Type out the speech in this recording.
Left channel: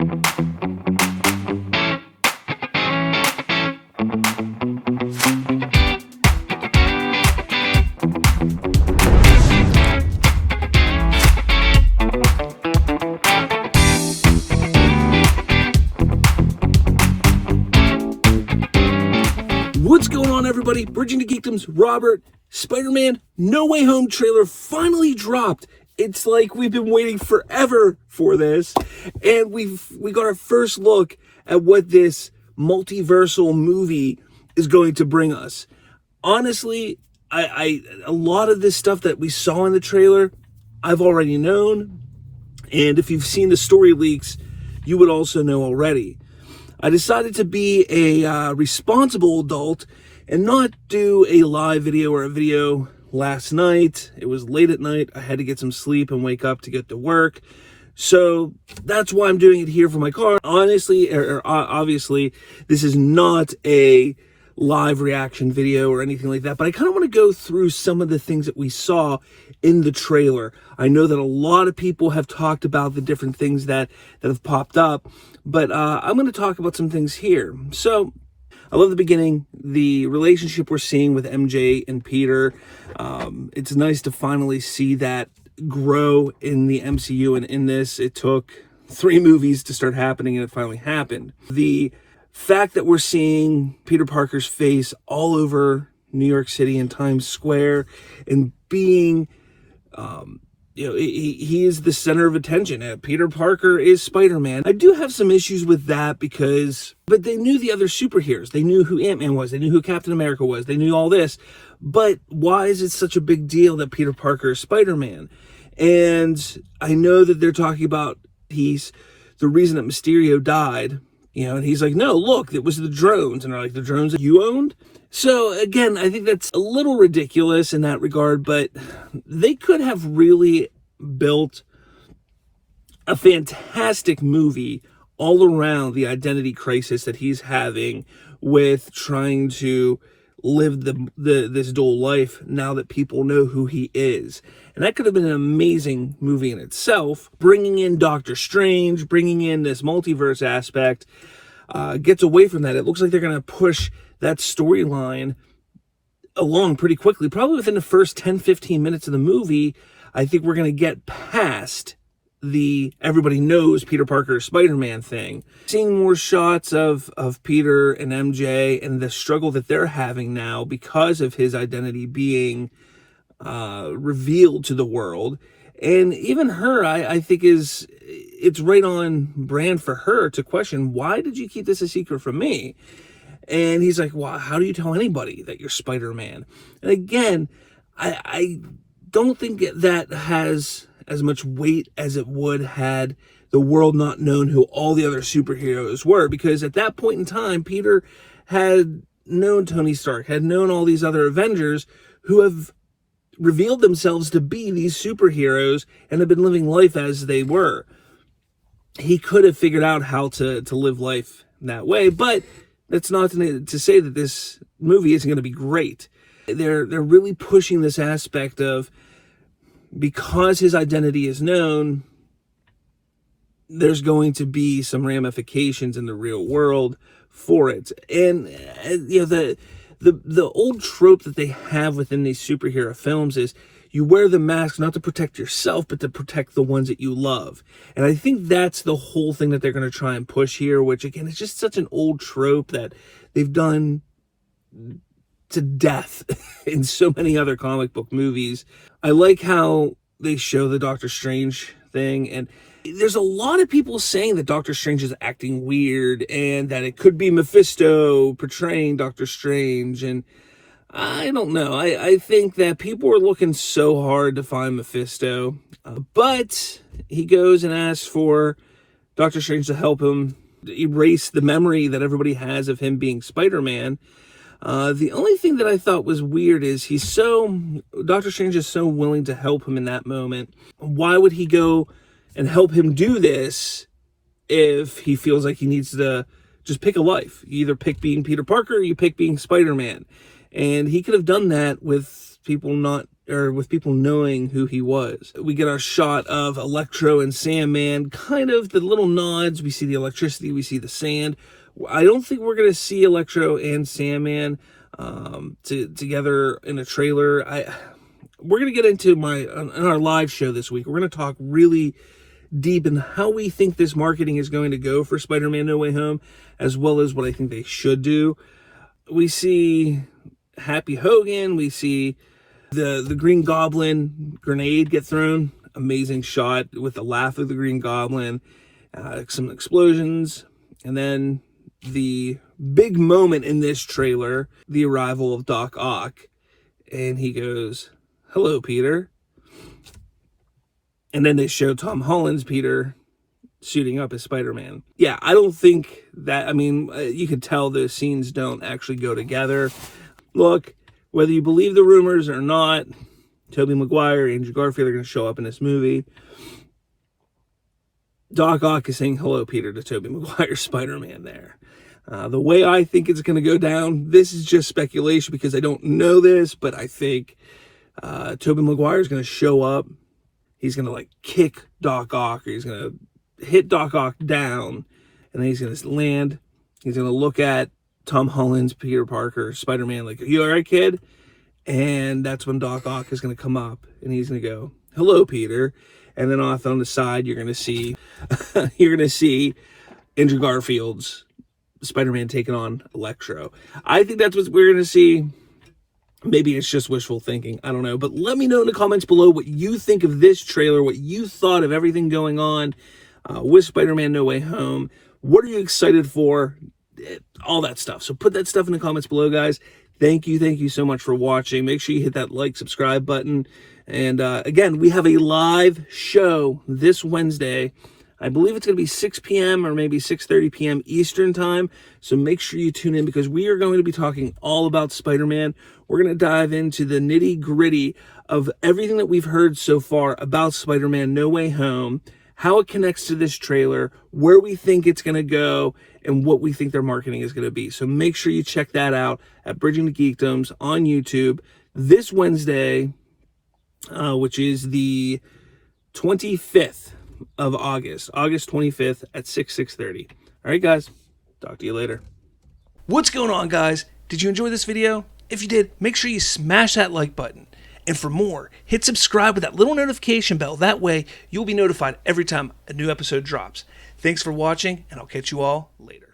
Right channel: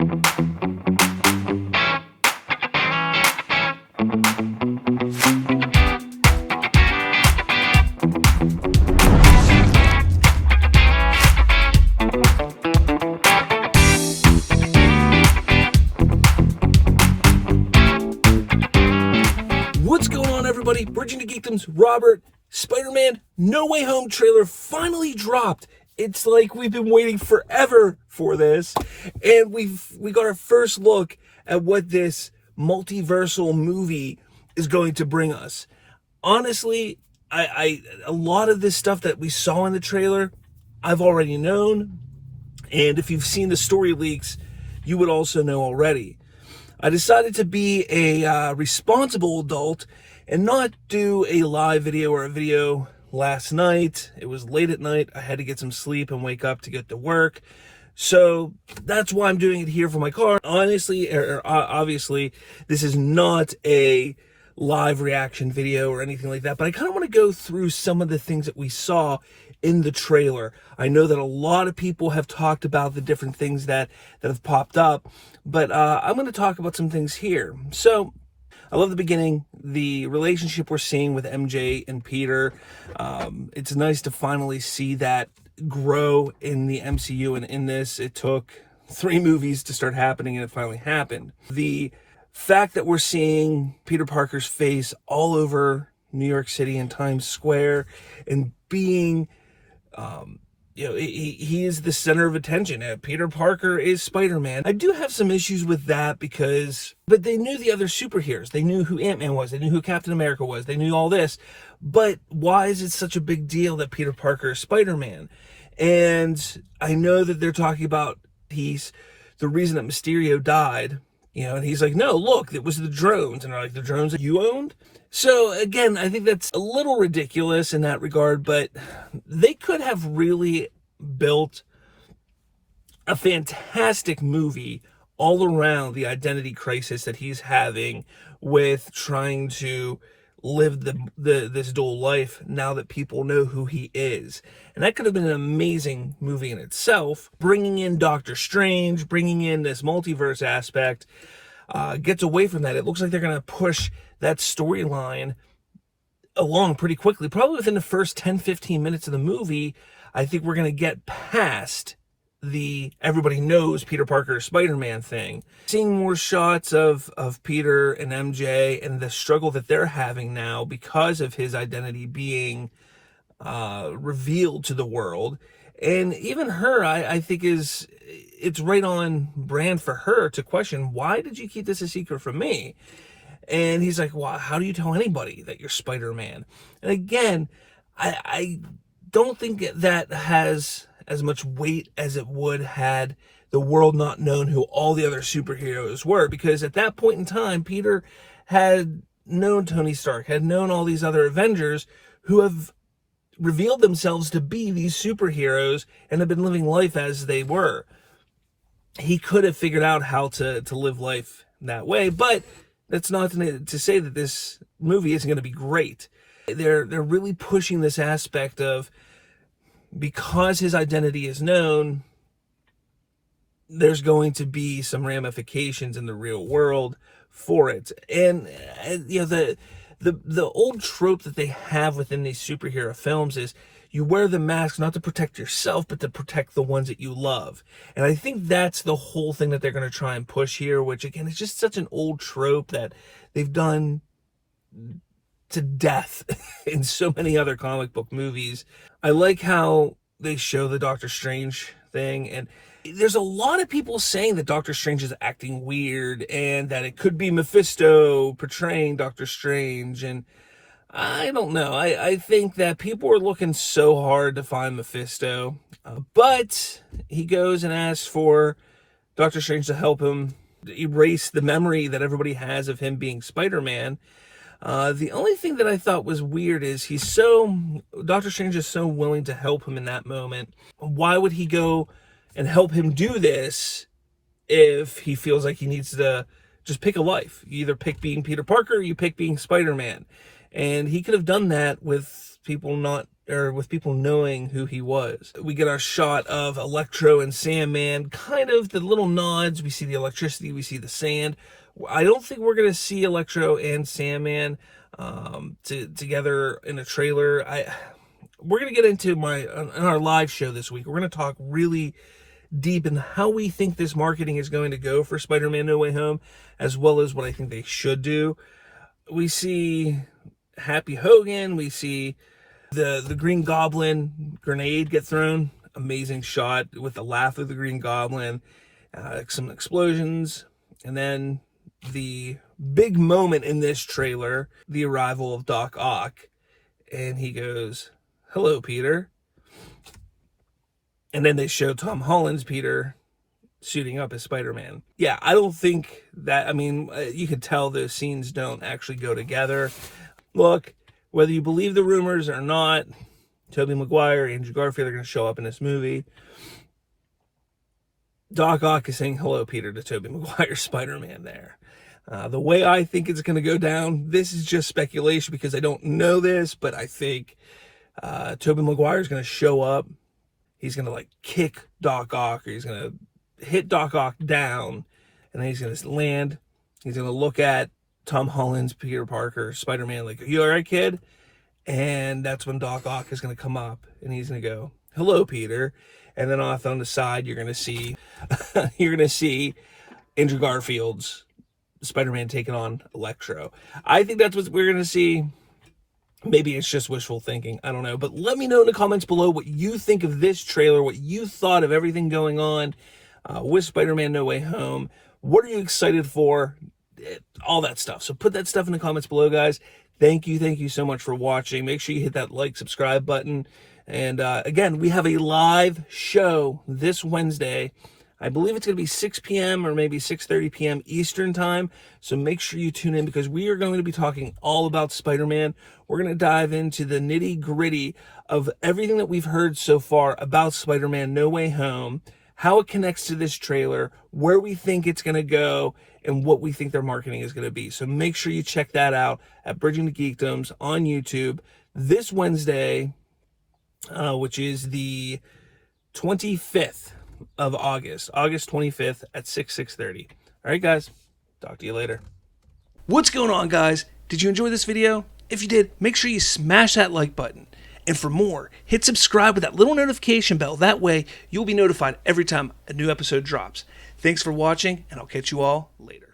What's going on, everybody? Bridging the Geekdoms, Robert. Spider-Man No Way Home trailer finally dropped. It's like we've been waiting forever for this, and we got our first look at what this multiversal movie is going to bring us. Honestly, a lot of this stuff that we saw in the trailer, I've already known, and if you've seen the story leaks, you would also know already. I decided to be a responsible adult and not do a live video or a video last night. It was late at night. I had to get some sleep and wake up to get to work. So that's why I'm doing it here from my car. Honestly, obviously, this is not a live reaction video or anything like that, but I kind of want to go through some of the things that we saw in the trailer. I know that a lot of people have talked about the different things that have popped up, but I'm going to talk about some things here. So I love the beginning, the relationship we're seeing with MJ and Peter. It's nice to finally see that grow in the MCU, and in this, it took 3 movies to start happening, and it finally happened. The fact that we're seeing Peter Parker's face all over New York City and Times Square and being, he is the center of attention. Peter Parker is Spider-Man. I do have some issues with that but they knew the other superheroes. They knew who Ant-Man was. They knew who Captain America was. They knew all this. But why is it such a big deal that Peter Parker is Spider-Man? And I know that they're talking about he's the reason that Mysterio died, and he's like, no, look, it was the drones. And they're like, the drones that you owned? So again, I think that's a little ridiculous in that regard, but they could have really built a fantastic movie all around the identity crisis that he's having with trying to live this dual life now that people know who he is. And that could have been an amazing movie in itself. Bringing in Doctor Strange, bringing in this multiverse aspect, gets away from that. It looks like they're going to push that storyline along pretty quickly. Probably within the first 10-15 minutes of the movie, I think we're going to get past the everybody knows Peter Parker Spider-Man thing. Seeing more shots of Peter and MJ and the struggle that they're having now because of his identity being revealed to the world. And even her, I think it's right on brand for her to question, why did you keep this a secret from me? And he's like, well, how do you tell anybody that you're Spider-Man? And again, I don't think that has as much weight as it would had the world not known who all the other superheroes were. Because at that point in time, Peter had known Tony Stark, had known all these other Avengers who have revealed themselves to be these superheroes and have been living life as they were. He could have figured out how to live life that way, but that's not to say that this movie isn't going to be great. They're really pushing this aspect of, because his identity is known, there's going to be some ramifications in the real world for it. And the old trope that they have within these superhero films is you wear the mask not to protect yourself, but to protect the ones that you love. And I think that's the whole thing that they're going to try and push here, which again is just such an old trope that they've done to death in so many other comic book movies. I like how they show the Doctor Strange thing, and there's a lot of people saying that Doctor Strange is acting weird and that it could be Mephisto portraying Doctor Strange, and I don't know. I think that people are looking so hard to find Mephisto, but he goes and asks for Doctor Strange to help him erase the memory that everybody has of him being Spider-Man. The only thing that I thought was weird is Doctor Strange is so willing to help him in that moment. Why would he go and help him do this if he feels like he needs to just pick a life? You either pick being Peter Parker or you pick being Spider-Man. And he could have done that with people not or with people knowing who he was. We get our shot of Electro and Sandman, kind of the little nods. We see the electricity, we see the sand. I don't think we're going to see Electro and Sandman together in a trailer. We're going to get into in our live show this week. We're going to talk really deep in how we think this marketing is going to go for Spider-Man No Way Home, as well as what I think they should do. We see Happy Hogan. We see the Green Goblin grenade get thrown. Amazing shot with the laugh of the Green Goblin. Some explosions. And then the big moment in this trailer, the arrival of Doc Ock. And he goes, "Hello, Peter." And then they show Tom Holland's Peter suiting up as Spider-Man. Yeah, I don't think that, I mean, you could tell those scenes don't actually go together. Look, whether you believe the rumors or not, Tobey Maguire, Andrew Garfield are going to show up in this movie. Doc Ock is saying hello, Peter, to Tobey Maguire's Spider-Man there. The way I think it's going to go down, this is just speculation because I don't know this, but I think Tobey Maguire is going to show up. He's going to like kick Doc Ock, or he's going to hit Doc Ock down, and then he's going to land. He's going to look at Tom Holland's Peter Parker, Spider-Man, like, "You all right, kid?" And that's when Doc Ock is going to come up, and he's going to go, "Hello, Peter." And then off on the side, you're going to see, Andrew Garfield's Spider-Man taking on Electro. I think that's what we're going to see. Maybe it's just wishful thinking. I don't know. But let me know in the comments below what you think of this trailer, what you thought of everything going on with Spider-Man No Way Home. What are you excited for? All that stuff. So put that stuff in the comments below, guys. Thank you so much for watching. Make sure you hit that like, subscribe button. And again, we have a live show this Wednesday. I believe it's going to be 6 p.m. or maybe 6:30 p.m. Eastern time. So make sure you tune in because we are going to be talking all about Spider-Man. We're going to dive into the nitty-gritty of everything that we've heard so far about Spider-Man No Way Home, how it connects to this trailer, where we think it's going to go, and what we think their marketing is going to be. So make sure you check that out at Bridging the Geekdoms on YouTube this Wednesday, which is the 25th of August 25th at 6:30. All right, guys, talk to you later. What's going on, guys? Did you enjoy this video? If you did, make sure you smash that like button. And for more, hit subscribe with that little notification bell. That way, you'll be notified every time a new episode drops. Thanks for watching, and I'll catch you all later.